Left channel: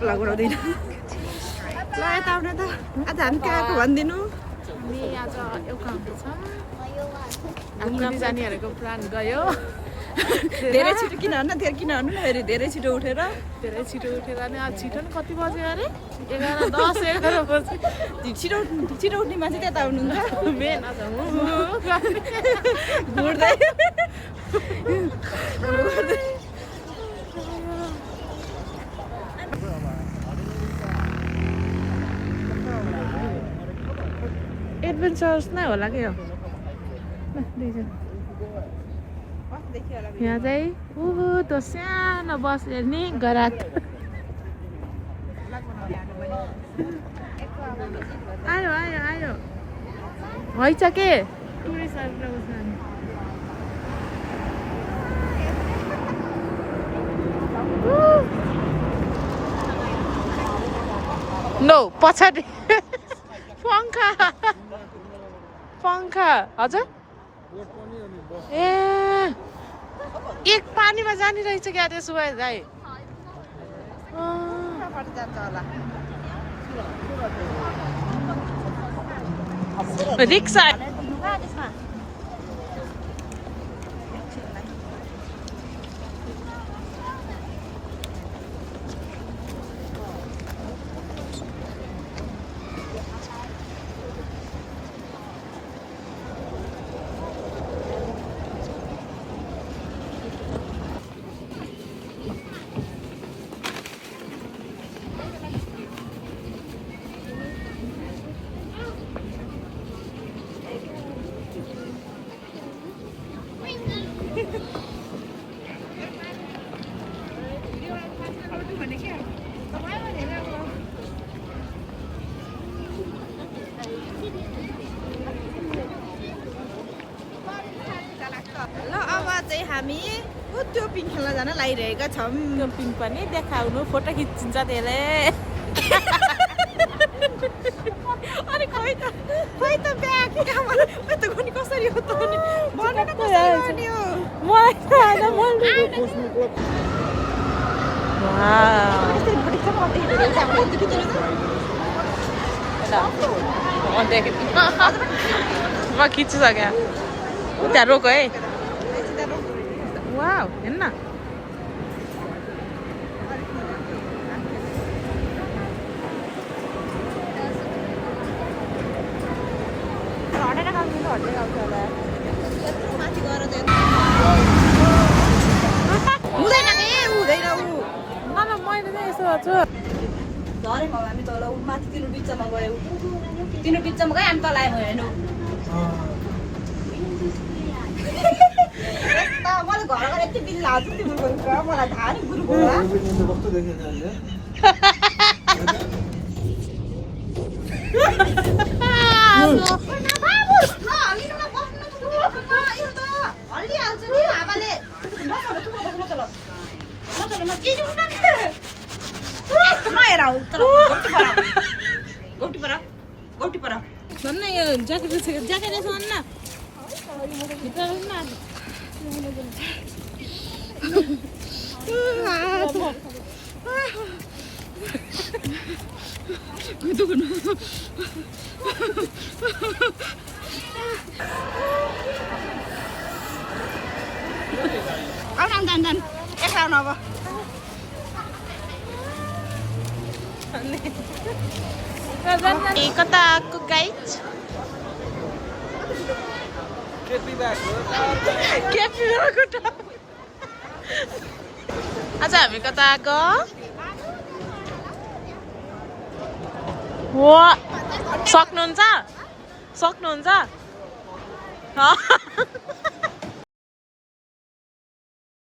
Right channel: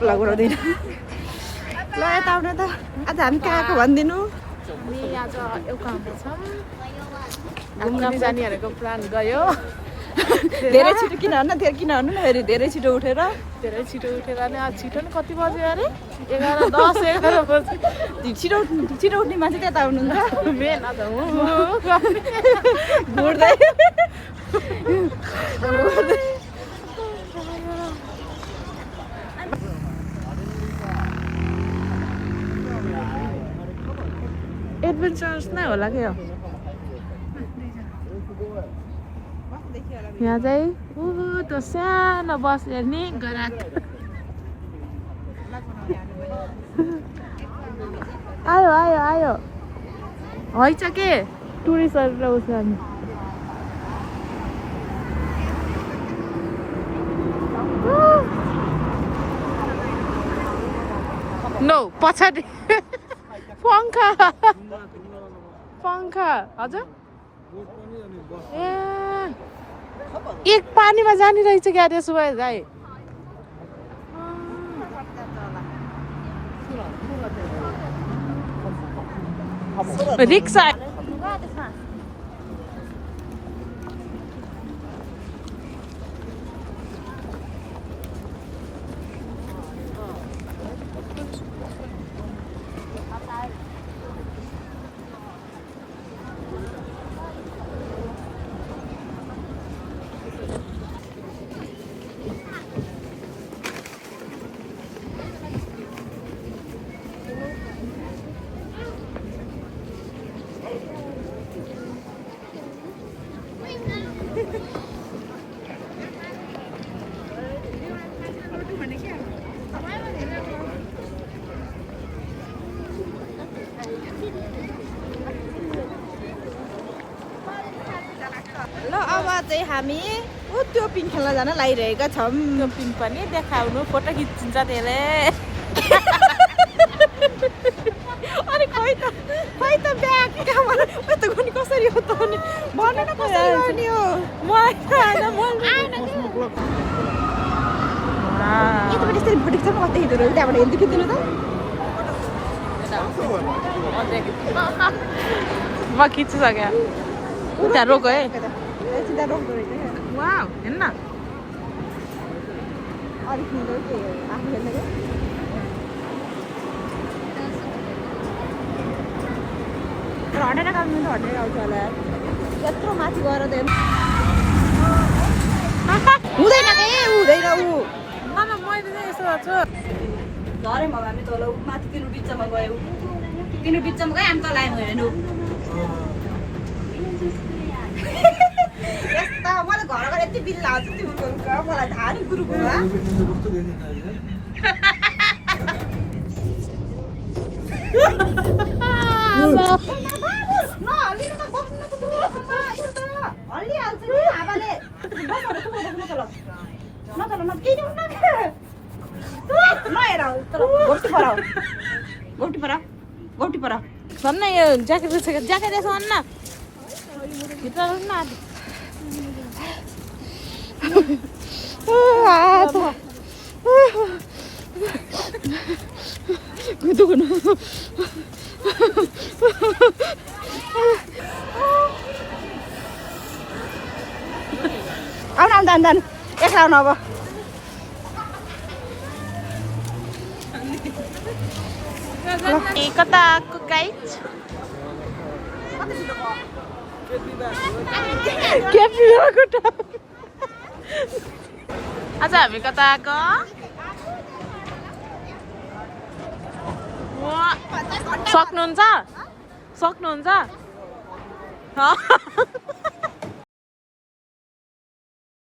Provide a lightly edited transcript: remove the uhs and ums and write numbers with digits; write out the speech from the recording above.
blog बनाउँदैन ल यता आउनु त आज हामी कहाँ आएको भनिदिनु हामी आज एउटामा छौँ घुम्न जानेहरूको प्लान गयो धेरै छिटो किन भन्नु फेरि धेरै छिटो उठेर नि आज छिटो नि कति बज्यो अरे 11 बजी छिटो उठ्ने मान्छे त्यता आउनुहुन्छ मेन आज घुर्दै एडभेन्चरस नै होला के हो यहाँ चाहिँ त्यो सानो बस हेर्ने गराक आयो आयो आयो हैछ के टुरिस्टहरू उस नो पछाडि पंखा हजुर ए एक पानीमा जाने रहेछ क्या त्यसो भए गाई रिक्सा ल अब चाहिँ हामी त्यो पिङ खेल्न जान लागिरहेका छौँ त्यो पिङ पनि देखाउनु फोटो खिचिन्छ त्यसले अनि खै त ब्याग कहाँबाट यस्तो गर्ने कसरी हो त अनि भन्नु न कसरी गर्ने हो म खिचिसक्यो त्यहाँ रोक है वाउ हेर्न हुँदैन हुँदैन ऊ मैले यसो गर्छु झरेमा हामी तल माथि तिनो बिचमा गयो तिनो बिचमा गयो हामी तल आयो हेर्नु मलाई घर गएर यति बिल लाग्छ तिम्रो मलाई थाहा नि गुरुको भन्न यो ज्याकेट ज्याकेट यसो भन्न भित्र न आउनु एक्ला आउनु अब कता आएको गाइड आज हामी कता आएको सक्नुहुन्छ